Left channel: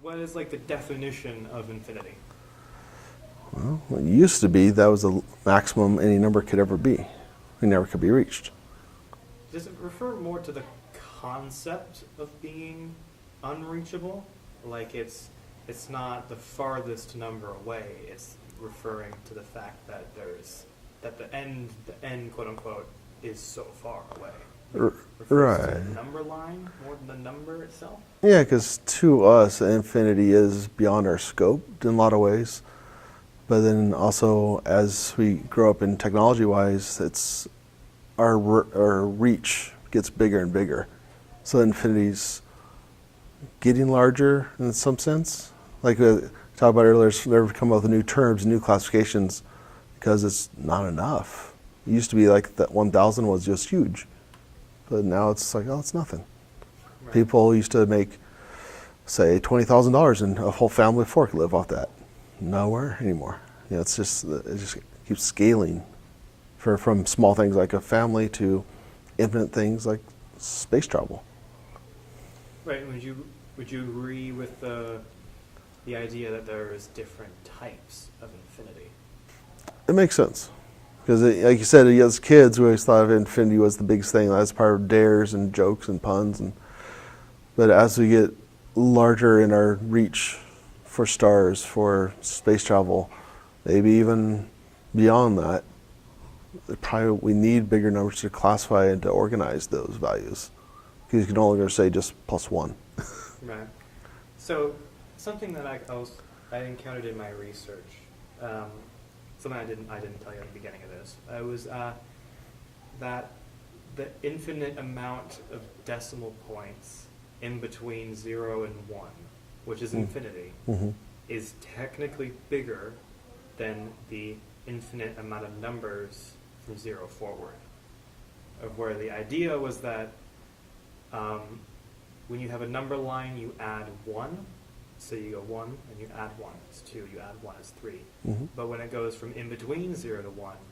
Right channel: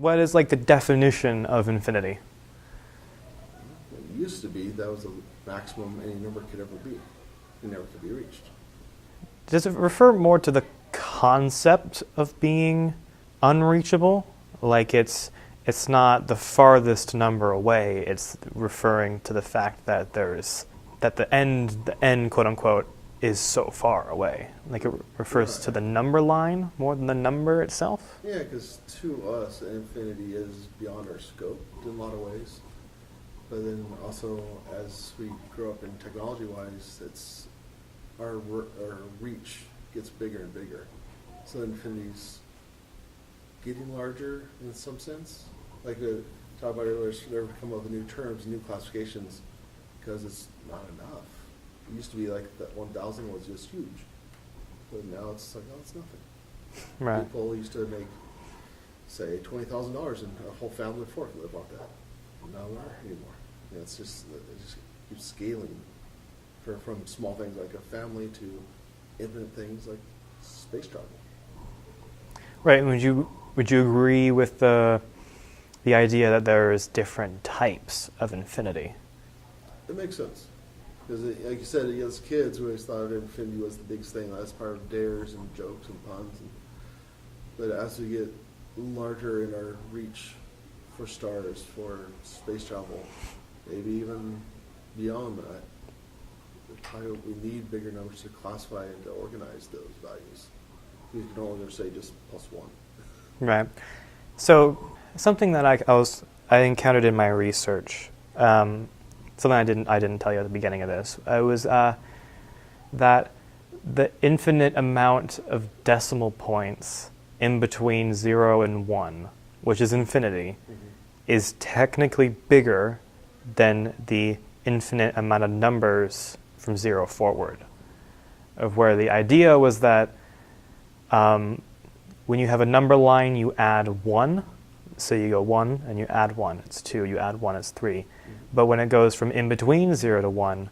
What is like the definition of infinity? Well, it used to be that was the maximum any number could ever be. It never could be reached. Does it refer more to the concept of being unreachable? Like it's not the farthest number away. It's referring to the fact that the end quote unquote is so far away. Like it refers to the number line more than the number itself. Yeah, because to us, infinity is beyond our scope in a lot of ways. But then also, as we grow up in technology-wise, it's our reach gets bigger and bigger. So infinity's getting larger in some sense. Like we talked about earlier, they've come up with new terms, new classifications, because it's not enough. It used to be like that 1,000 was just huge, but now it's like, oh, it's nothing. Right. People used to make, say, $20,000 and a whole family of four could live off that. Nowhere anymore. You know, it just keeps scaling from small things like a family to infinite things like space travel. Right. And would you agree with the idea that there's different types of infinity? It makes sense. Because like you said, as kids, we always thought of infinity was the biggest thing. That's part of dares and jokes and puns. But as we get larger in our reach for stars, for space travel, maybe even beyond that, probably we need bigger numbers to classify and to organize those values. Because you can only say just +1. Right. So something that I encountered in my research, something I didn't tell you at the beginning of this, was that the infinite amount of decimal points in between 0 and 1, which is infinity, is technically bigger than the infinite amount of numbers from 0 forward. Of where the idea was that when you have a number line, you add 1. So you go 1 and you add 1, it's 2. You add 1, it's 3. But when it goes from in between 0 to 1,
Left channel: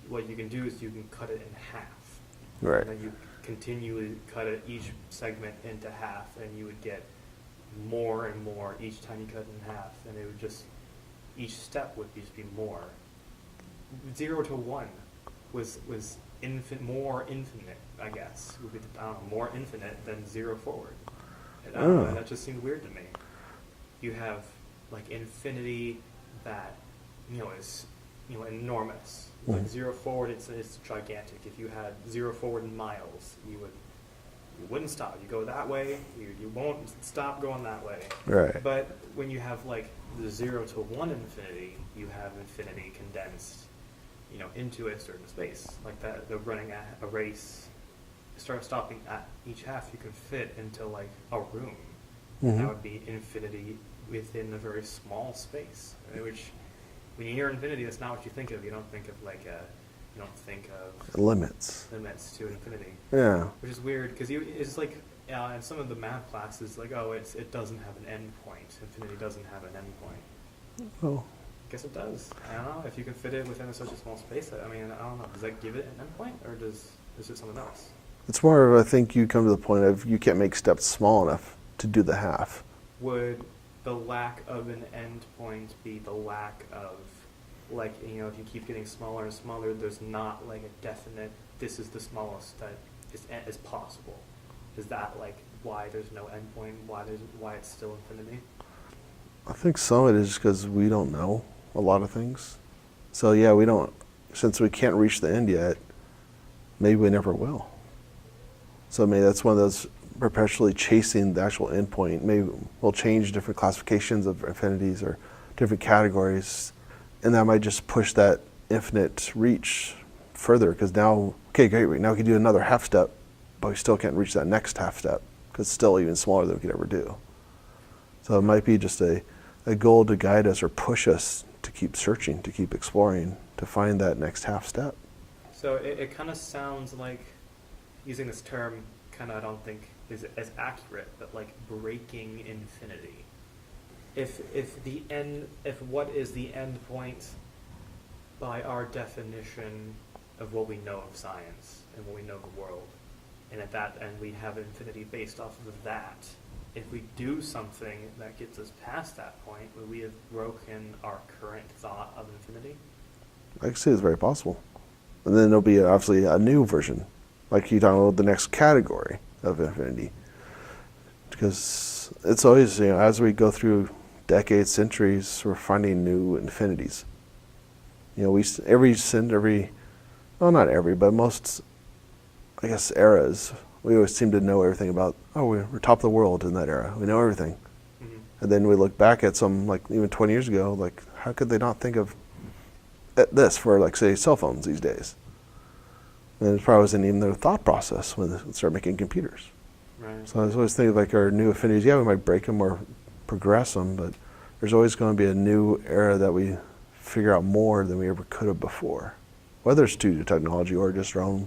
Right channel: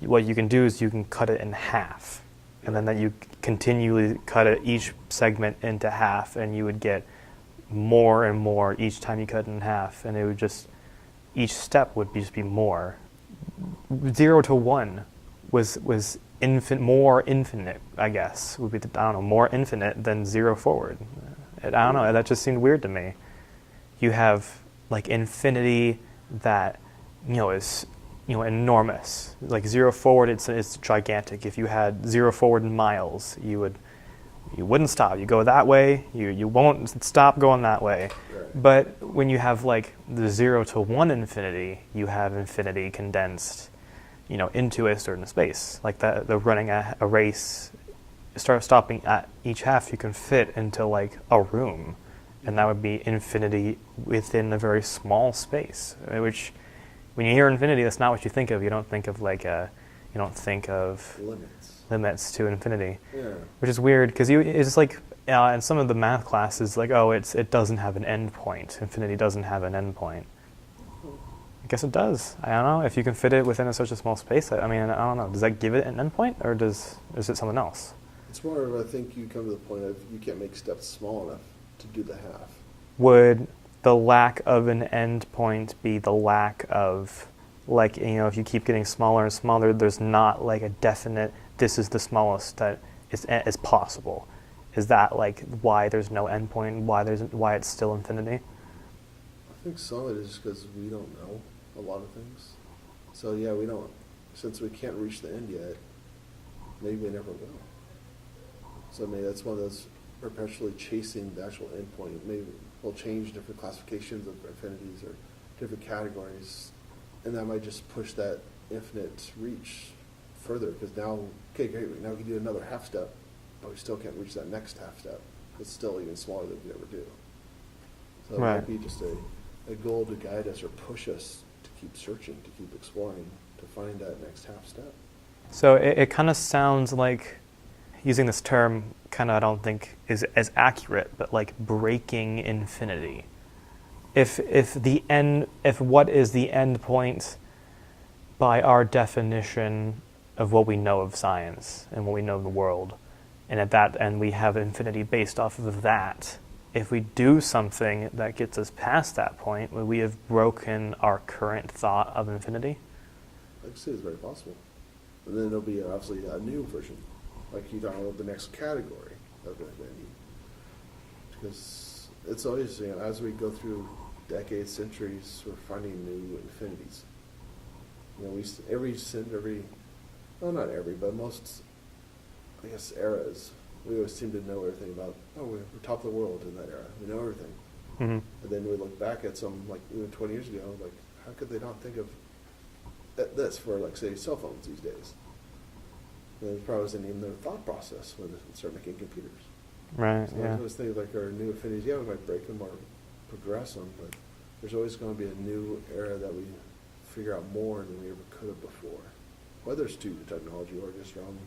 what you can do is you can cut it in half. Right. And then you continually cut each segment into half, and you would get more and more each time you cut it in half. And it would just, each step would just be more. 0 to 1 was more infinite, I guess. Would be, more infinite than 0 forward. I don't know, that just seemed weird to me. You have like infinity that is enormous. Like 0 forward, it's gigantic. If you had 0 forward in miles, you wouldn't stop. You go that way, you won't stop going that way. Right. But when you have like the 0 to 1 infinity, you have infinity condensed, into a certain space. Like the running a race, start stopping at each half, you can fit into like a room. And that would be infinity within a very small space, which when you hear infinity, that's not what you think of. You don't think of limits to infinity. Yeah. Which is weird because it's like in some of the math classes, like, it doesn't have an end point. Infinity doesn't have an end point. Well, I guess it does. I don't know if you can fit it within such a small space. I don't know. Does that give it an end point, or is it something else? It's more of, I think you come to the point of you can't make steps small enough to do the half. Would the lack of an end point be the lack of, like, if you keep getting smaller and smaller, there's not like a definite, this is the smallest that is possible? Is that like why there's no end point, why it's still infinity? I think some of it is just because we don't know a lot of things. So yeah, since we can't reach the end yet, maybe we never will. So maybe that's one of those perpetually chasing the actual endpoint. Maybe we'll change different classifications of infinities or different categories, and that might just push that infinite reach further, because now, okay, great, now we can do another half step, but we still can't reach that next half step, because it's still even smaller than we could ever do. So it might be just a goal to guide us or push us to keep searching, to keep exploring, to find that next half step. So it kind of sounds like, using this term kind of I don't think is as accurate, but like breaking infinity. If what is the end point by our definition of what we know of science and what we know of the world, and at that end we have infinity based off of that, if we do something that gets us past that point, would we have broken our current thought of infinity? I can see it's very possible. And then there'll be obviously a new version, like you're talking about the next category of infinity. Because it's always, as we go through decades, centuries, we're finding new infinities. Well, not every, but most, I guess, eras, we always seem to know everything about, we're top of the world in that era. We know everything. Mm-hmm. And then we look back at some, like even 20 years ago, like how could they not think of this for, like, say, cell phones these days? And it probably wasn't even their thought process when they started making computers. Right. So I was always thinking, like, our new affinities, we might break them or progress them, but there's always going to be a new era that we figure out more than we ever could have before, whether it's due to technology or just our own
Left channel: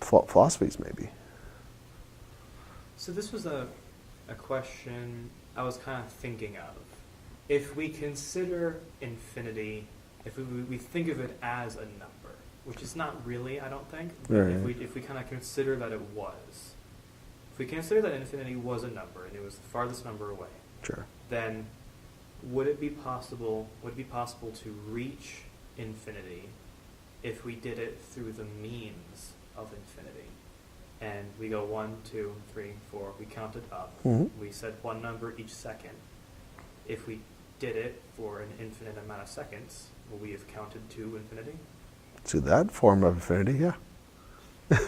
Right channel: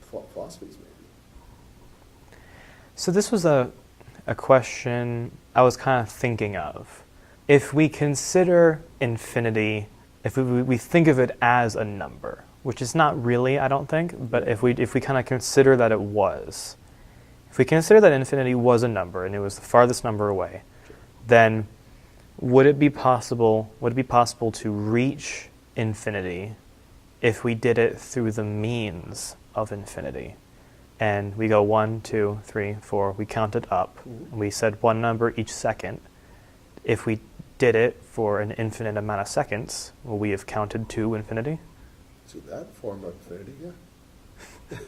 philosophies, maybe. So this was a question I was kind of thinking of. If we consider infinity, if we think of it as a number, which is not really, I don't think, but Right. if we kind of consider that it was, if we consider that infinity was a number and it was the farthest number away, Sure. then would it be possible to reach infinity if we did it through the means of infinity? And we go 1, 2, 3, 4, we count it up. Mm-hmm. We said one number each second. If we did it for an infinite amount of seconds, will we have counted to infinity? To that form of infinity, yeah.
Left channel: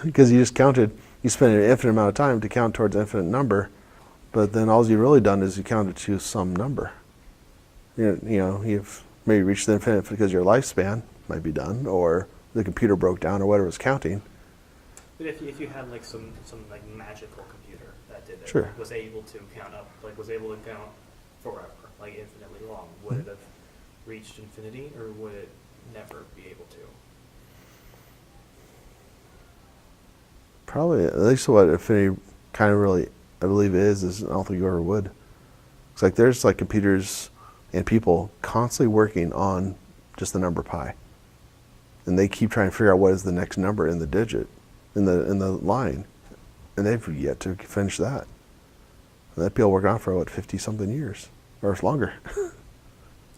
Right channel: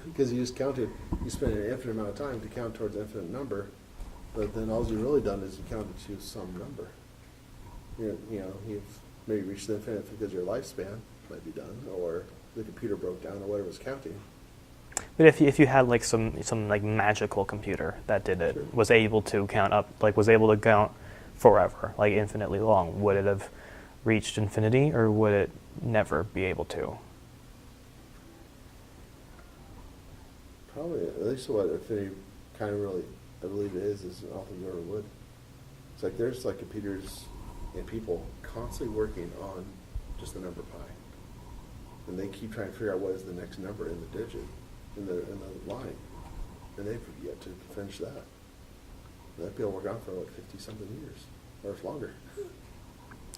Because you just counted, you spent an infinite amount of time to count towards an infinite number, but then all you've really done is you counted to some number. You've maybe reached the infinite because your lifespan might be done, or the computer broke down, or whatever was counting. But if you had like some like magical computer that did it, Sure. was able to count up, like was able to count forever, like infinitely long, would it have reached infinity, or would it never be able to? Probably, at least what infinity kind of really, I believe, is I don't think you ever would. It's like there's like computers and people constantly working on just the number pi. And they keep trying to figure out what is the next number in the digit, in the line. And they've yet to finish that. And that people work on for, 50-something years, or longer.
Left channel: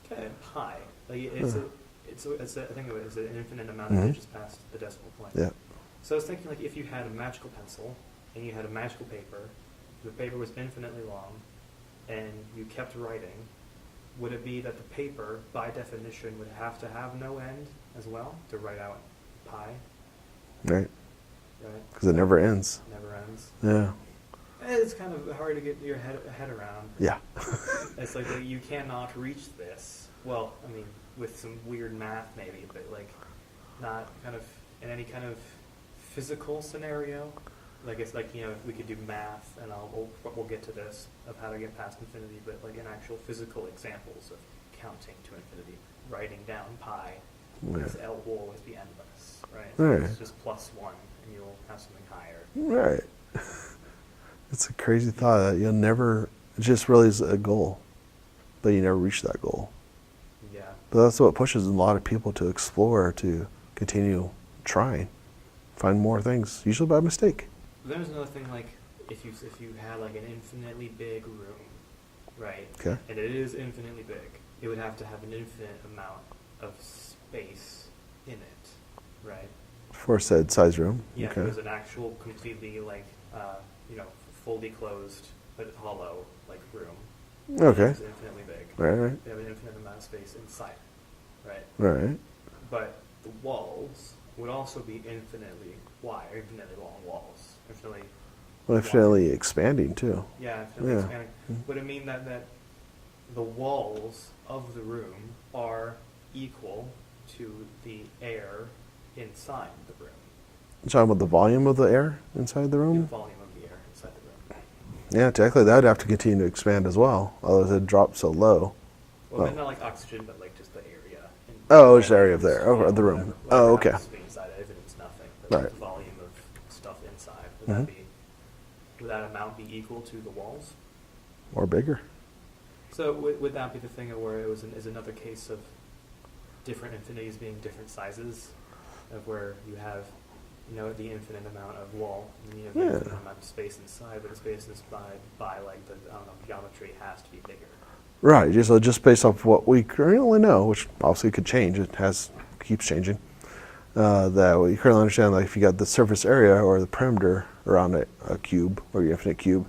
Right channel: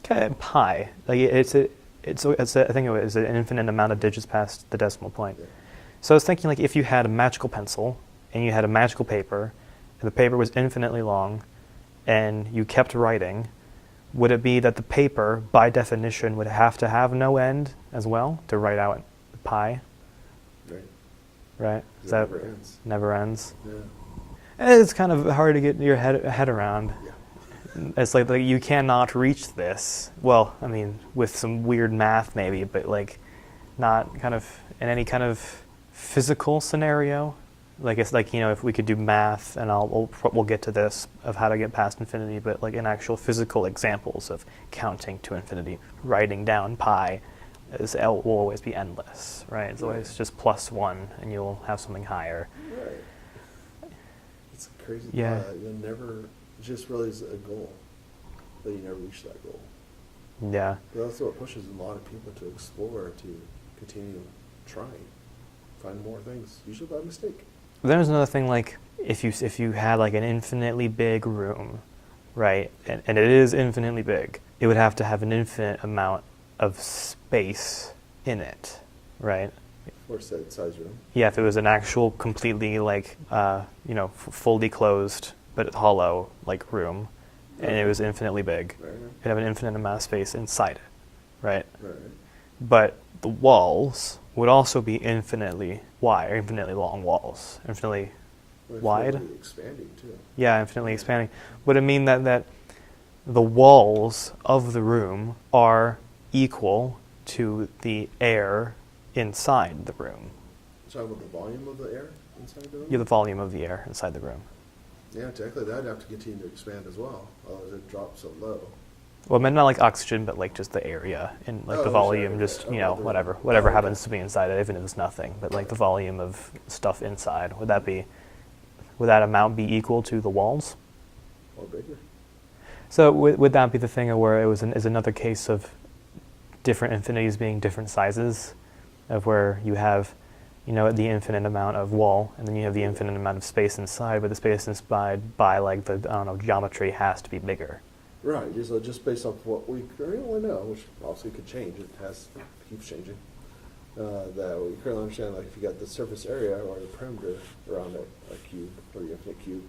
Okay, pi. Like I think it was an infinite amount of digits past the decimal point. Yeah. So I was thinking, like, if you had a magical pencil and you had a magical paper, and the paper was infinitely long, and you kept writing, would it be that the paper, by definition, would have to have no end as well to write out pi? Right. Right? Because it never ends. Never ends. Yeah. And it's kind of hard to get your head around. Yeah. It's like you cannot reach this. Well, I mean, with some weird math maybe, but like not kind of in any kind of physical scenario. Like it's like, if we could do math, and we'll get to this of how to get past infinity, but like in actual physical examples of counting to infinity, writing down pi will always be endless, right? So it's just +1 and you'll have something higher. Right. It's a crazy thought that you'll never, it just really is a goal, but you never reach that goal. Yeah. But that's what pushes a lot of people to explore, to continue trying, find more things, usually by mistake. There's another thing, like if you had like an infinitely big room, right? Okay. And it is infinitely big, it would have to have an infinite amount of space in it, right? For said size room. Yeah, if it was an actual completely like fully closed but hollow like room, and it was infinitely big, Right. it'd have an infinite amount of space inside it, right? Right. But the walls would also be infinitely wide, or infinitely long walls, infinitely Infinitely expanding too. Yeah, infinitely Yeah. expanding. Would it mean that the walls of the room are equal to the air inside the room? You're talking about the volume of the air inside the room? Yeah, the volume of the air inside the room. Yeah, technically that would have to continue to expand as well, otherwise it'd drop so low. Well, I meant not like oxygen, but like just the area in like Oh, the just volume area of there. just, Oh, the room. whatever Oh, okay. happens to be inside it, even if it's nothing. But Right. like the volume of stuff inside, would that amount be equal to the walls? Or bigger. So would that be the thing where it is another case of different infinities being different sizes, of where you have the infinite amount of wall, and then you have the infinite amount of space inside, but the space inside by like the, I don't know, geometry has to be bigger. Right, just based off what we currently know, which obviously could change, keeps changing, that we currently understand, like if you got the surface area or the perimeter around a cube or your infinite cube,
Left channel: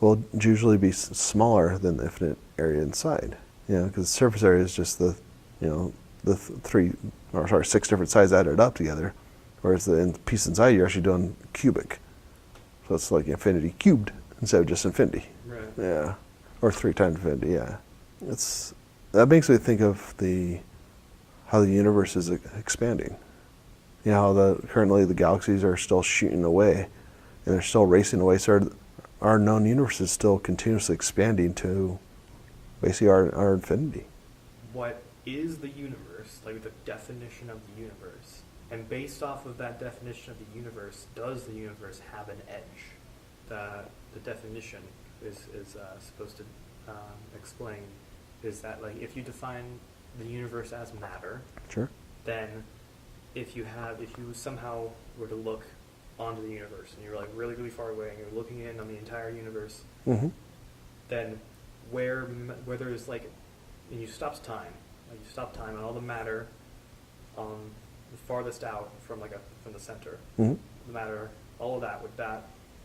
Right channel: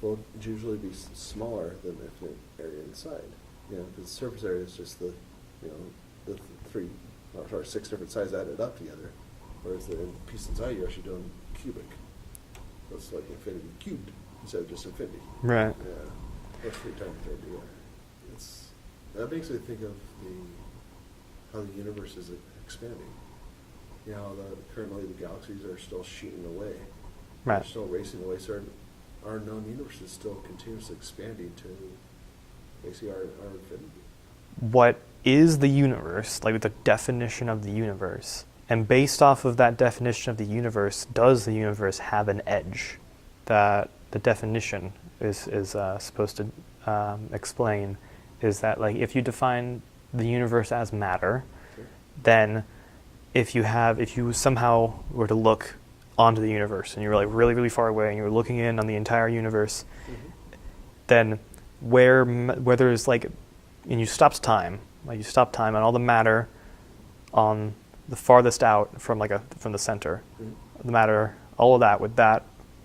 will usually be smaller than the infinite area inside. Because the surface area is just the 6 different sides added up together, whereas the piece inside you're actually doing cubic. So it's like infinity cubed instead of just infinity. Right. Yeah. Or 3 times infinity, yeah. That makes me think of how the universe is expanding. How currently the galaxies are still shooting away. Right. They're still racing away. So our known universe is still continuously expanding to basically our infinity. What is the universe, like the definition of the universe? And based off of that definition of the universe, does the universe have an edge that the definition is supposed to explain? Is that like if you define the universe as matter, Sure. then if you somehow were to look onto the universe and you were like really, really far away and you were looking in on the entire universe, then where there's like, and you stopped time and all the matter on the farthest out from the center, the matter, all of that,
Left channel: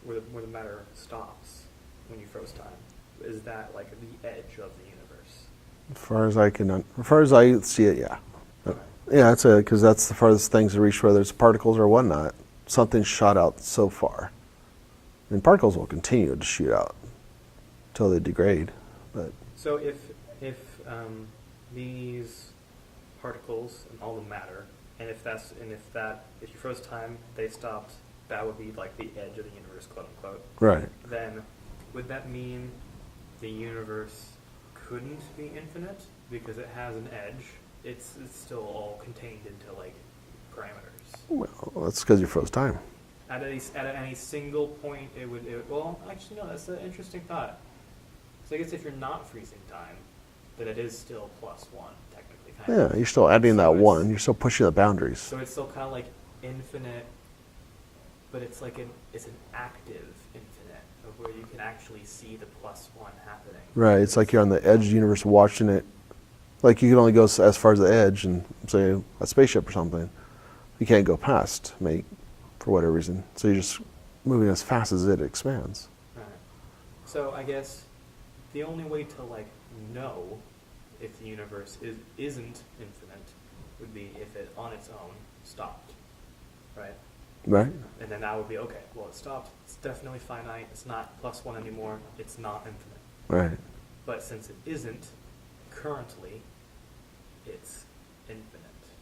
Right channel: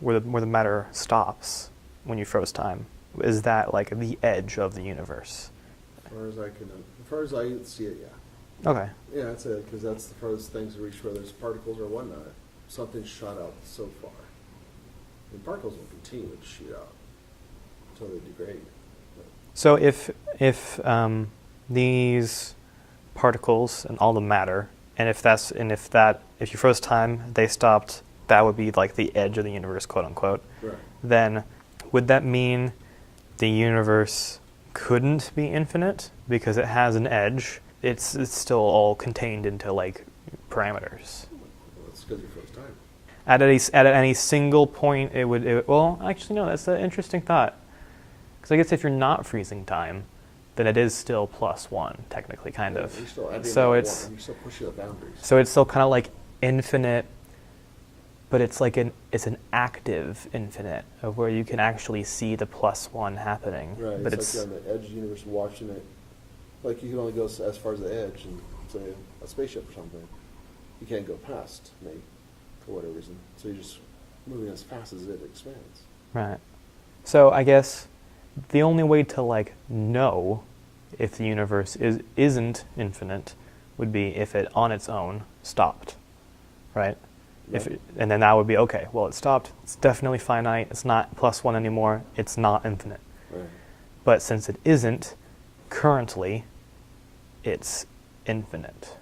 where the matter stops when you froze time, is that like the edge of the universe? As far as I see it, yeah. Okay. Yeah, because that's the farthest things to reach, whether it's particles or whatnot. Something's shot out so far. And particles will continue to shoot out until they degrade. But So if these particles and all the matter, and if you froze time, they stopped, that would be like the edge of the universe, quote unquote. right. Then would that mean the universe couldn't be infinite because it has an edge? It's still all contained into like parameters. Well, that's because you froze time. At any single point, it would. Well, actually, no. That's an interesting thought. Because I guess if you're not freezing time, then it is still +1, technically, kind of. Yeah, you're still adding So that it's- one. You're still pushing the boundaries. So it's still kind of like infinite, but it's like it's an active infinite of where you can actually see the +1 happening. Right, But it's like you're on the edge of the universe watching it. Like you can only go as far as the edge and say a spaceship or something. You can't go past, for whatever reason. So you're just moving as fast as it expands. Right. So I guess the only way to like know if the universe isn't infinite would be if it on its own stopped, right? Right. And then that would be okay. Well, it stopped. It's definitely finite. It's not +1 anymore. It's not infinite. Right. But since it isn't, currently, it's infinite.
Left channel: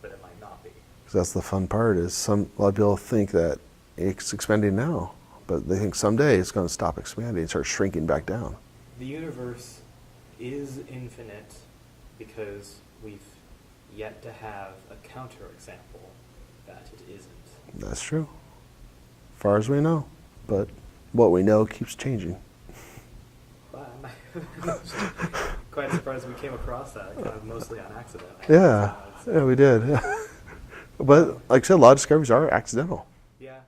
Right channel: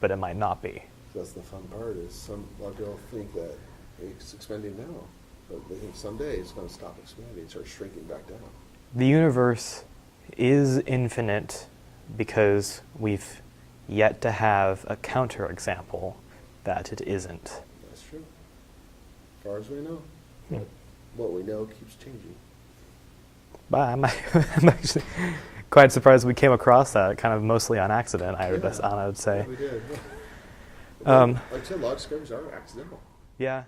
But it might not be. So that's the fun part. Is a lot of people think that it's expanding now, but they think someday it's going to stop expanding and start shrinking back down. The universe is infinite because we've yet to have a counterexample that it isn't. That's true. As far as we know. But what we know keeps changing. But I'm actually quite surprised we came across that kind of mostly on accident. I would say. Yeah, we did. But like I said, a lot of discoveries are accidental. Yeah.